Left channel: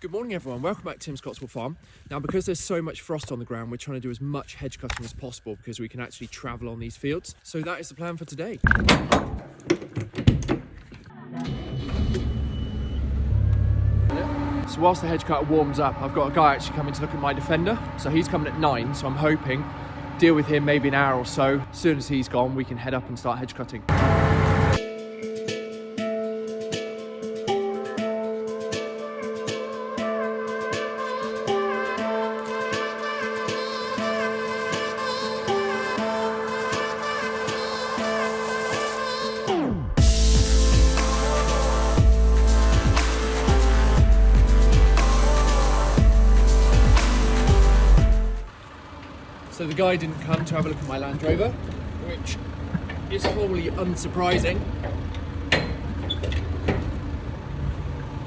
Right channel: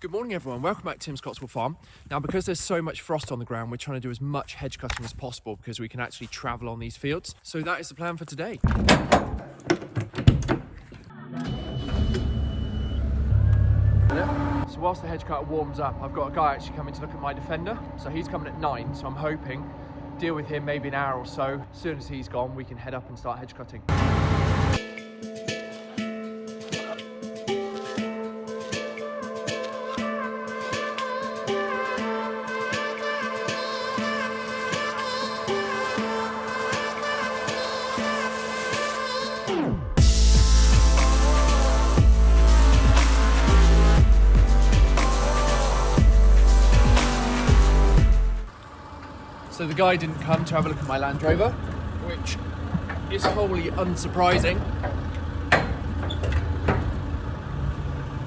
Good morning everyone, welcome back to Tims Cotteswold Farm. Now because there's so much frost on the ground, we're trying to do as much hedge cutting as possible because we can actually travel on these fields. So that is the plan for today. So whilst the hedge cutter warms up, I've got a guy actually coming to look at my defender. So he's coming at 9, so I'm hoping deal with him maybe an hour or so. As soon as he's gone, we can head up and start hedge cutting. So the guy didn't come to have a look at my Land Rover, which is wholly unsurprising.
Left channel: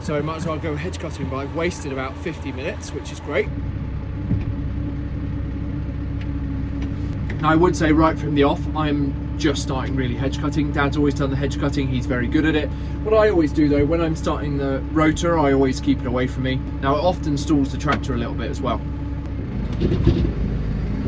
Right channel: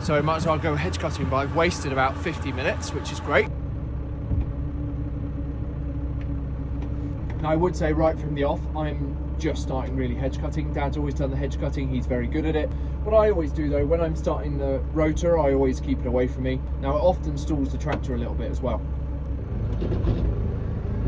So I might as well go hedge cutting, but I've wasted about 50 minutes, which is great. Now I would say right from the off, I'm just starting really hedge cutting. Dad's always done the hedge cutting, he's very good at it. What I always do though, when I'm starting the rotor, I always keep it away from me. Now it often stalls the tractor a little bit as well.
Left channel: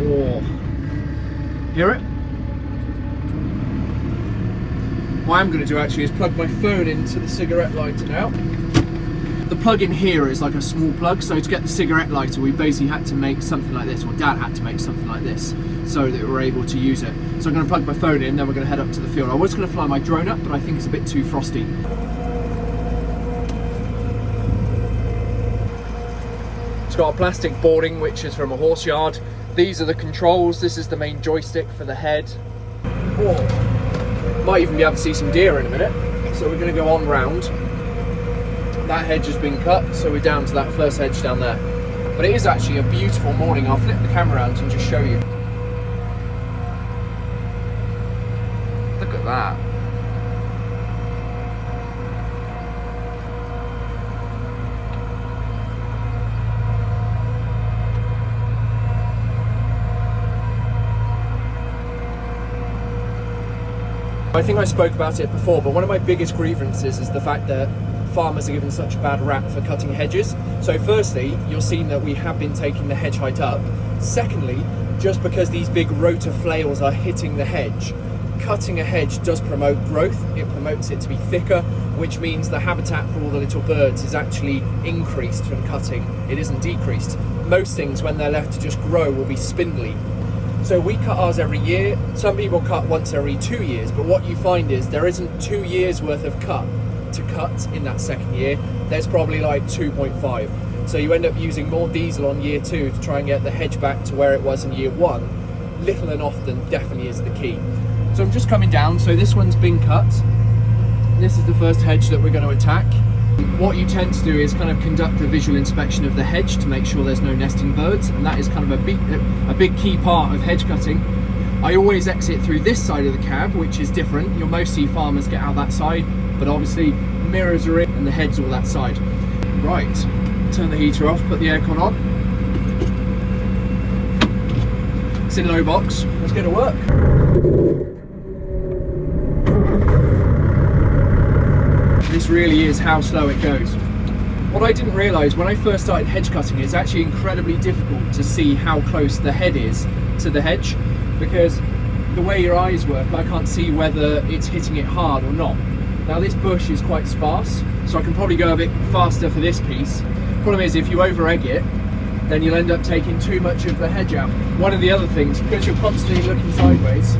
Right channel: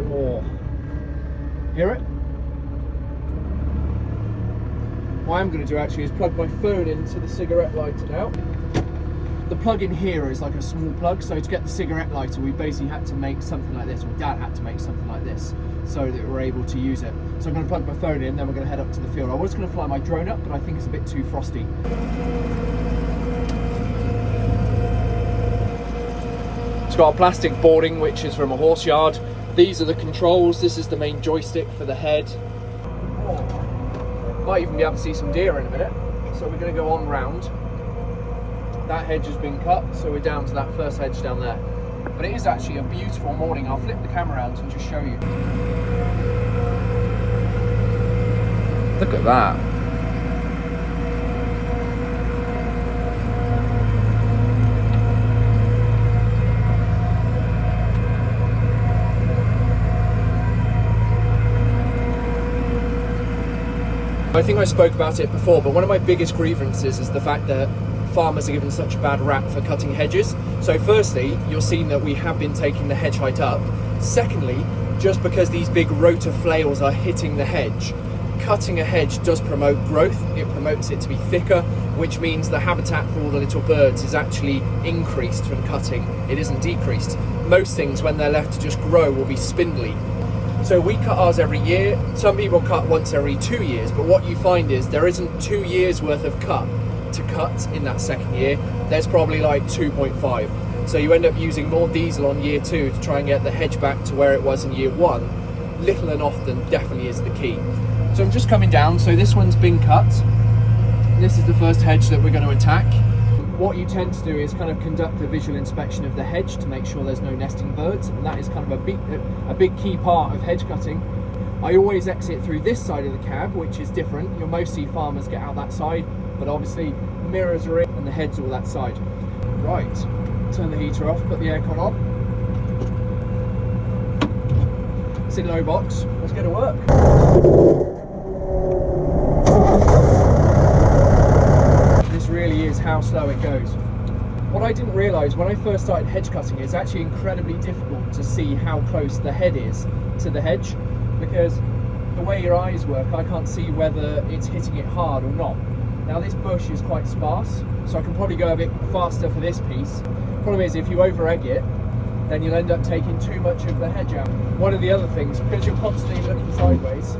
Oh. Hear it? What I'm going to do actually is plug my phone into the cigarette lighter now. The plug in here is like a small plug, so to get the cigarette lighter we basically had to make something like this, or Dad had to make something like this, so that we're able to use it. So I'm going to plug my phone in, then we're going to head up to the field. I was going to fly my drone up, but I think it's a bit too frosty. It's got a plastic boarding which is from a horse yard. These are the controls, this is the main joystick for the head. Oh. Might even be able to see some deer in a minute. So we're going to go on round. That hedge has been cut, so we're down to that first hedge down there. But it is actually a beautiful morning. I'll flip the camera around and just show you. Look at that. I think I spoke about it before, but one of my biggest grievances is the fact that farmers are given such a bad rap for cutting hedges. So firstly, you're seeing that we have been taking the hedge height up. Secondly, just because these big rotor flails are hitting the hedge, cutting a hedge does promote growth. It promotes it to be thicker, which means the habitat for all the little birds is actually increased from cutting. It isn't decreased. Most things, when they're left to just grow, will be spindly. So we cut ours every year. Some people cut once every 2 years, but what you find is there isn't 2 years worth of cut to cut in that second year. There's probably like 2.5. So you end up using more diesel on year 2 to try and get the hedge back to where it was in year 1. Little and often definitely is the key. So I'm just coming down, so this one's been cut. This is the first hedge that we're going to attack. What you tend to do is kind of conduct a visual inspection of the hedge to make sure there's no nesting birds, and that is kind of a big key part of hedge cutting. I always exit through this side of the cab, which is different. You'll most see farmers get out that side, but obviously mirrors are in and the head's all that side. Right, turn the heater off, put the aircon on. It's in low box, let's get to work. This really is how slow it goes. What I didn't realise when I first started hedge cutting, it's actually incredibly difficult to see how close the head is to the hedge, because the way your eyes work, I can't see whether it's hitting it hard or not. Now this bush is quite sparse, so I can probably go a bit faster for this piece. Problem is, if you over egg it, then you'll end up taking too much of the hedge out. One of the other things, because you're constantly looking sideways,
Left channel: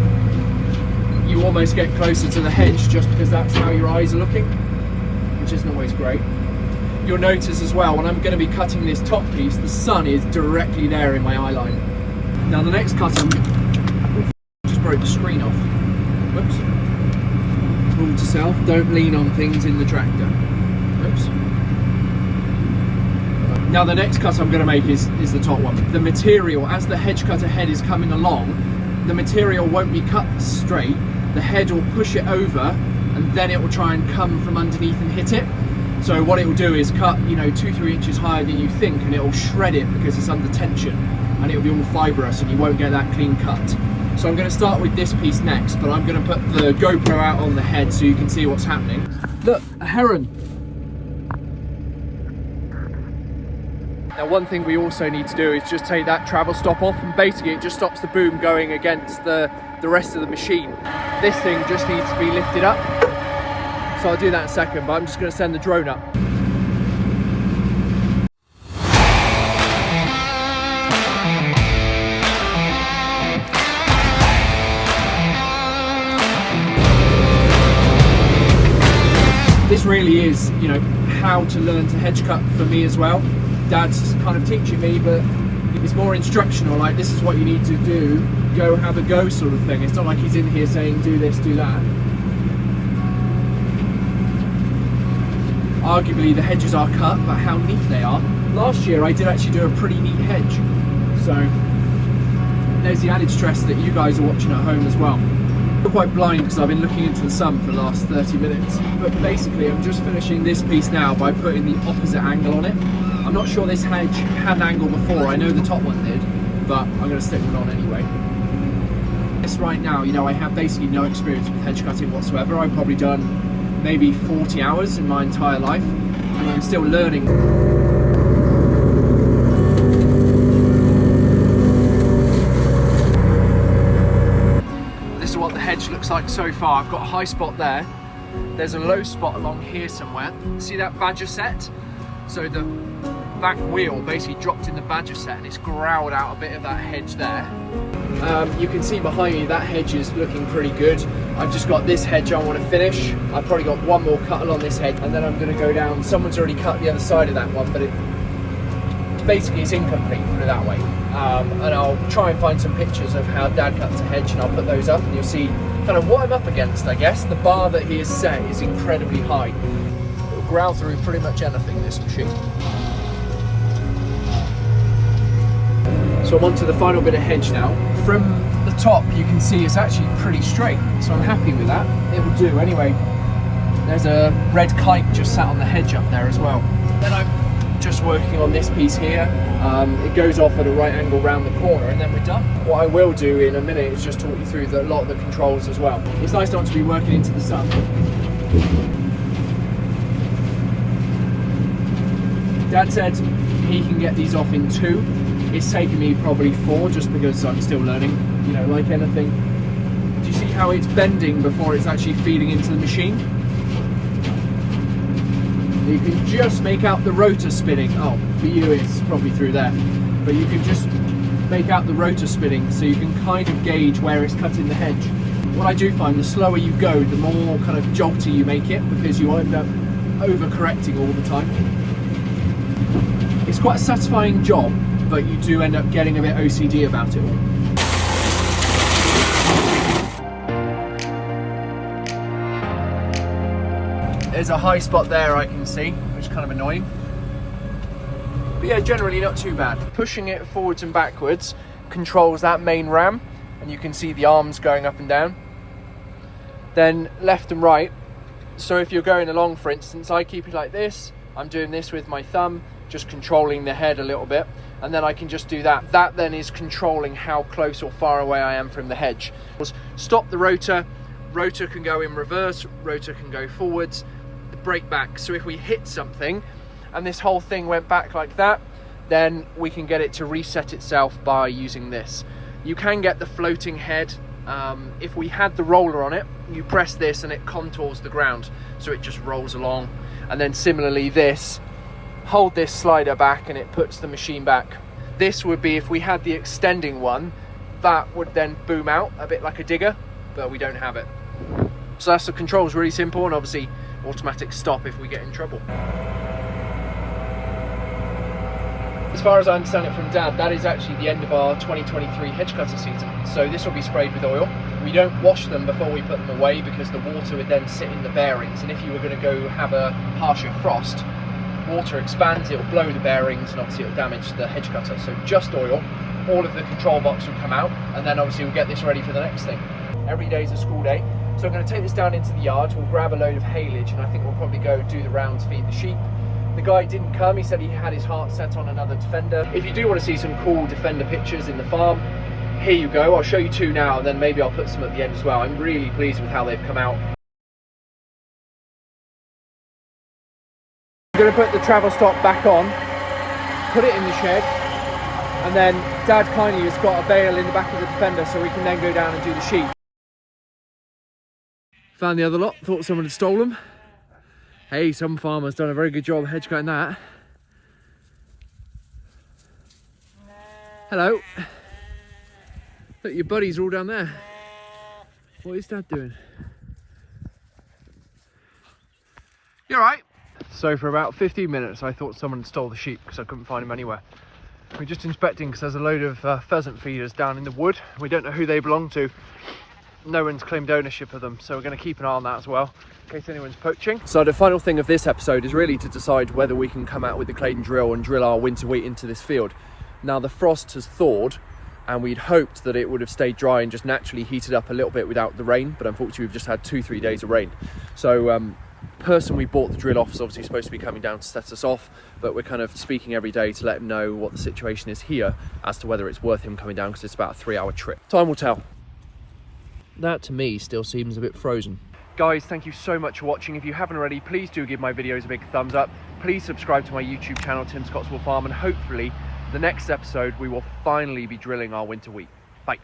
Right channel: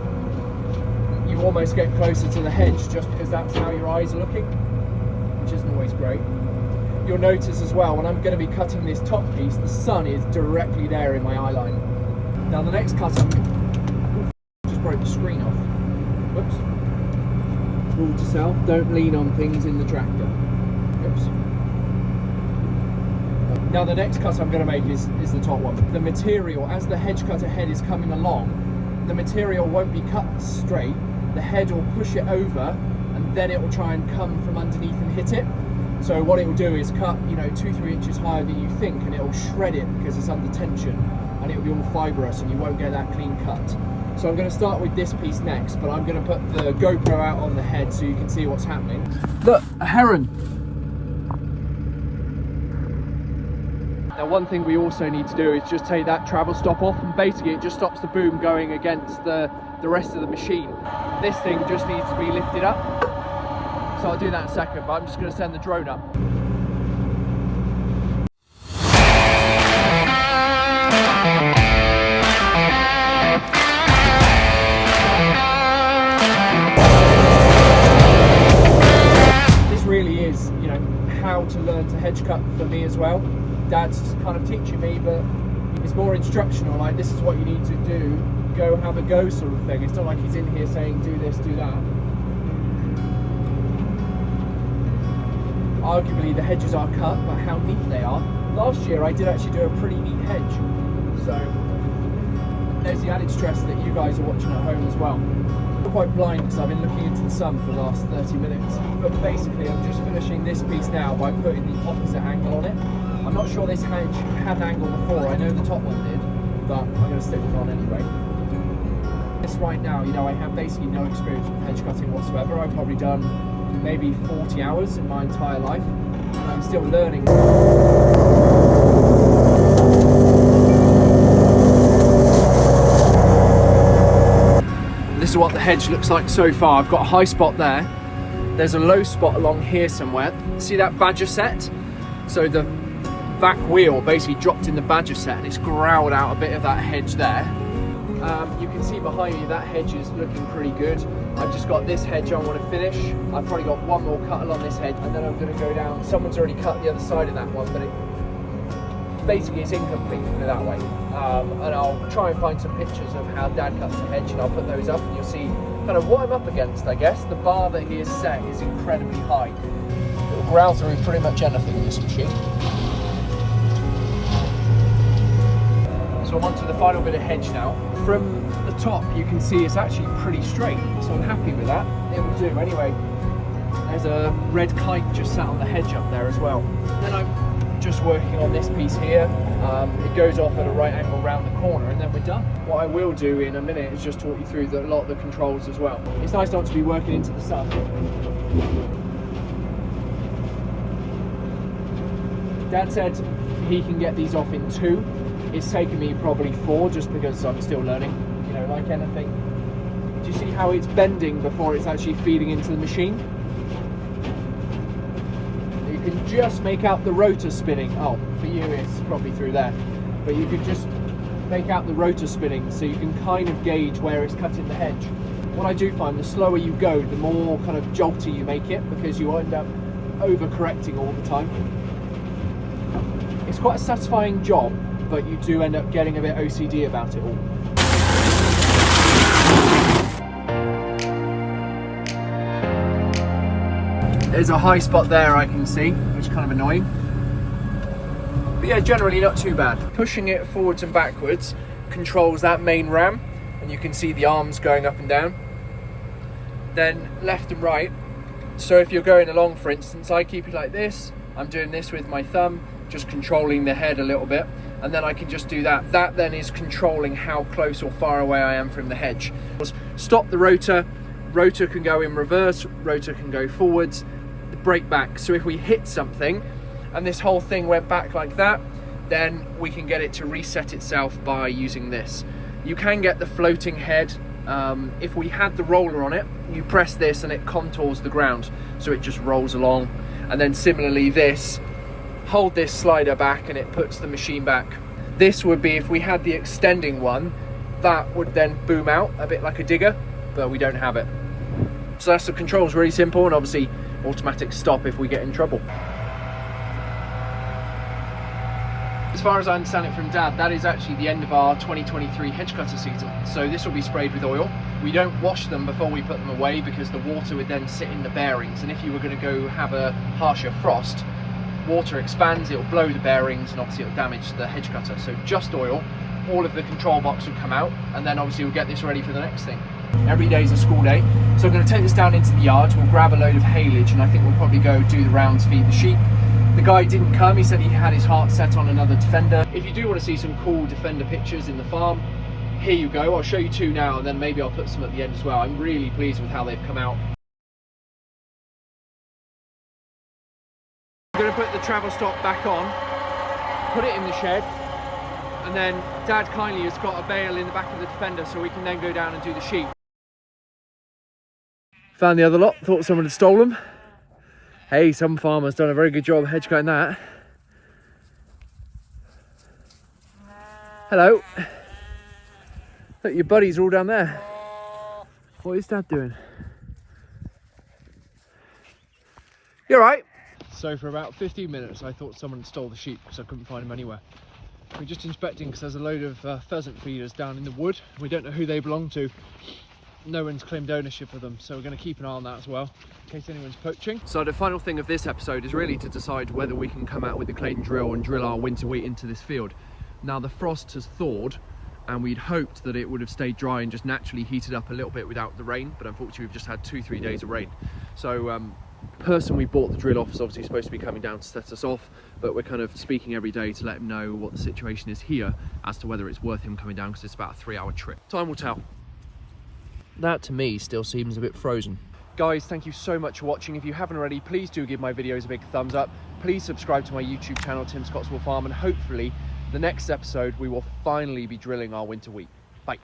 you almost get closer to the hedge just because that's how your eyes are looking, which isn't always great. You'll notice as well, when I'm going to be cutting this top piece, the sun is directly there in my eye line. Now the next cut, just broke the screen off. Whoops. Hold to self, don't lean on things in the tractor. Whoops. Now the next cut I'm going to make is the top one. The material, as the hedge cutter head is coming along, the material won't be cut straight. The head will push it over, and then it will try and come from underneath and hit it. So what it will do is cut, 2-3 inches higher than you think, and it will shred it because it's under tension, and it will be all fibrous and you won't get that clean cut. So I'm going to start with this piece next, but I'm going to put the GoPro out on the head so you can see what's happening. Look, a heron. Now one thing we also need to do is just take that travel stop off, and basically it just stops the boom going against the rest of the machine. This thing just needs to be lifted up, so I'll do that in a second, but I'm just going to send the drone up. This really is, you know, how to learn to hedge cut for me as well. Dad's kind of teaching me, but it's more instructional, like this is what you need to do, go have a go sort of thing. It's not like he's in here saying do this, do that. Arguably the hedges are cut, but how neat they are. Last year I did actually do a pretty neat hedge, so there's the added stress that you guys are watching at home as well. I'm quite blind because I've been looking into the sun for the last 30 minutes, but basically I'm just finishing this piece now by putting the opposite angle on it. I'm not sure this hedge had an angle before, I know the top one did, but I'm going to stick it on anyway. This right now, you know, I have basically no experience with hedge cutting whatsoever. I've probably done maybe 40 hours in my entire life, and I'm still learning. This is what the hedge looks like so far. I've got a high spot there. There's a low spot along here somewhere. See that badger set? So the back wheel basically dropped in the badger set and it's growled out a bit of that hedge there. You can see behind me that hedge is looking pretty good. I've just got this hedge I want to finish. I've probably got one more cut along this hedge, and then I'm going to go down. Someone's already cut the other side of that one, but basically it's incomplete, put it that way. And I'll try and find some pictures of how Dad cuts a hedge, and I'll put those up, and you'll see kind of what I'm up against, I guess. The bar that he has set is incredibly high. It'll growl through pretty much anything, this machine. So I'm on to the final bit of hedge now. From the top you can see it's actually pretty straight, so I'm happy with that. It will do. Anyway, there's a red kite just sat on the hedge up there as well. Then I'm just working on this piece here. It goes off at a right angle round the corner, and then we're done. What I will do in a minute is just talk you through a lot of the controls as well. It's nice not to be working into the sun. Dad said he can get these off in 2. It's taken me probably 4 just because I'm still learning, you know, like anything. Do you see how it's bending before it's actually feeding into the machine? You can just make out the rotor spinning. Oh, for you it's probably through there. But you can just make out the rotor spinning, so you can kind of gauge where it's cutting the hedge. What I do find, the slower you go, the more kind of jolty you make it, because you end up overcorrecting all the time. It's quite a satisfying job, but you do end up getting a bit OCD about it all. There's a high spot there I can see, which is kind of annoying. But yeah, generally not too bad. Pushing it forwards and backwards controls that main ram, and you can see the arms going up and down. Then left and right. So if you're going along, for instance, I keep it like this. I'm doing this with my thumb, just controlling the head a little bit. And then I can just do that. That then is controlling how close or far away I am from the hedge. Stop the rotor, rotor can go in reverse, rotor can go forwards, the brake back. So if we hit something and this whole thing went back like that, then we can get it to reset itself by using this. You can get the floating head. If we had the roller on it, you press this and it contours the ground, so it just rolls along. And then similarly this, hold this slider back and it puts the machine back. This would be if we had the extending one, that would then boom out a bit like a digger, but we don't have it. So that's the controls, really simple, and obviously automatic stop if we get in trouble. As far as I understand it from Dad, that is actually the end of our 2023 hedge cutter season. So this will be sprayed with oil. We don't wash them before we put them away because the water would then sit in the bearings, and if you were going to go have a harsher frost, water expands, it'll blow the bearings, and obviously it'll damage the hedge cutter. So just oil. All of the control box will come out, and then obviously we'll get this ready for the next thing. Every day is a school day, so I'm going to take this down into the yard. We'll grab a load of haylage, and I think we'll probably go do the rounds, feed the sheep. The guy didn't come, he said he had his heart set on another Defender. If you do want to see some cool Defender pictures in the farm, here you go. I'll show you 2 now, and then maybe I'll put some at the end as well. I'm really pleased with how they've come out. I'm going to put the travel stop back on, put it in the shed, and then Dad kindly has got a bale in the back of the Defender so we can then go down and do the sheep. Found the other lot, thought someone had stolen them. Hey, some farmer's done a very good job hedge cutting that. Hello. Look, your buddies are all down there. What is Dad doing? You alright? So for about 15 minutes I thought someone stole the sheep because I couldn't find them anywhere. We're just inspecting because there's a load of pheasant feeders down in the wood. We don't know who they belong to. No one's claimed ownership of them, so we're going to keep an eye on that as well in case anyone's poaching. So the final thing of this episode is really to decide whether we can come out with the Claydon drill and drill our winter wheat into this field. Now the frost has thawed and we'd hoped that it would have stayed dry and just naturally heated up a little bit without the rain, but unfortunately we've just had 2-3 days of rain. So the person we bought the drill off is obviously supposed to be coming down to set us off, but we're kind of speaking every day to let him know what the situation is here as to whether it's worth him coming down, because it's about a 3-hour trip. Time will tell. That to me still seems a bit frozen. Guys, thank you so much for watching. If you haven't already, please do give my videos a big thumbs up. Please subscribe to my YouTube channel, Tims Cotteswold Farm, and hopefully the next episode we will finally be drilling our winter wheat. Bye.